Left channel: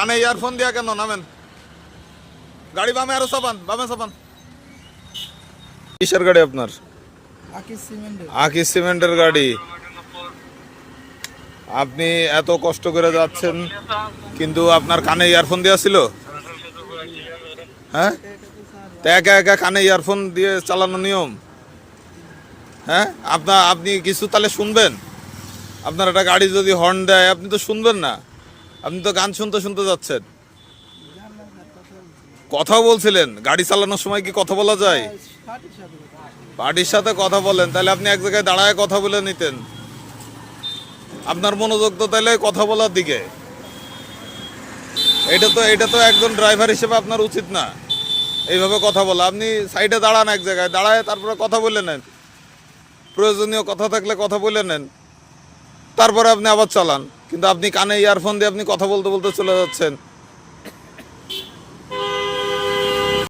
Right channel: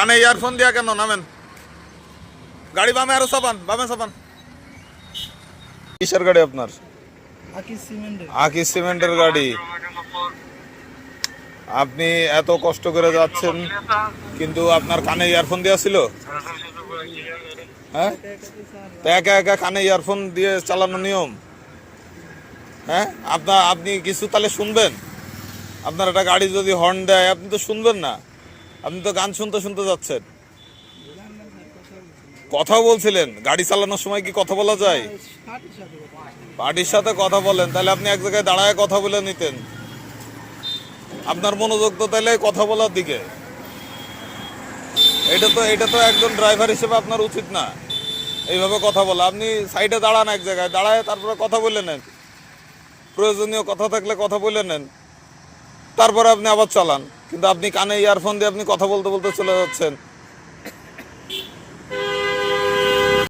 কানে ইয়ারফোন দিয়া কেন? নামেন, গাড়ি বামে আরো চাপান, বামে চাপান। কিসের গাড়ি আপনার? আকিস সিমেন্টের গাড়ি। আপনি এত কষ্ট করে যাচ্ছেন কিন্তু আপনার কানে ইয়ারফোন দেওয়া ছিল? হ্যাঁ, তা একা একা কানে ইয়ারফোন দিয়ে চালানো নিয়ম? হ্যাঁ, আপনি কিছু তাহলে শুনবেন? আপনার একটা গাড়ি যদি হর্ন দেয় আপনি তো শুনবেন না, আপনি তো গান শুনতে শুনতে যাচ্ছেন। কথা বলছিলেন, গাড়ি চালানোর সময় কি কথা বলা যায়? পার্টির সাথে কথা বলেন, তাহলে আপনি এক জায়গায় দাঁড়ায় কথা বলে নিতেন। আপনার মনোযোগ তো তাহলে কথা বলার দিকে। এটা তো একজন ড্রাইভার হিসেবে আপনার উচিত না এইভাবে কথা বলা। আপনি সাইডে দাঁড়ান, এক জায়গায় দাঁড়ায় তারপরে কথা বলে নেন, প্রয়োজনীয় কথা থাকলে কথা বলে নেন, তারপরে আপনি আবার চালান। কিন্তু আপনি কানে ইয়ারফোন দিয়ে আপনি কথা বলতে বলতে চলে যাচ্ছেন।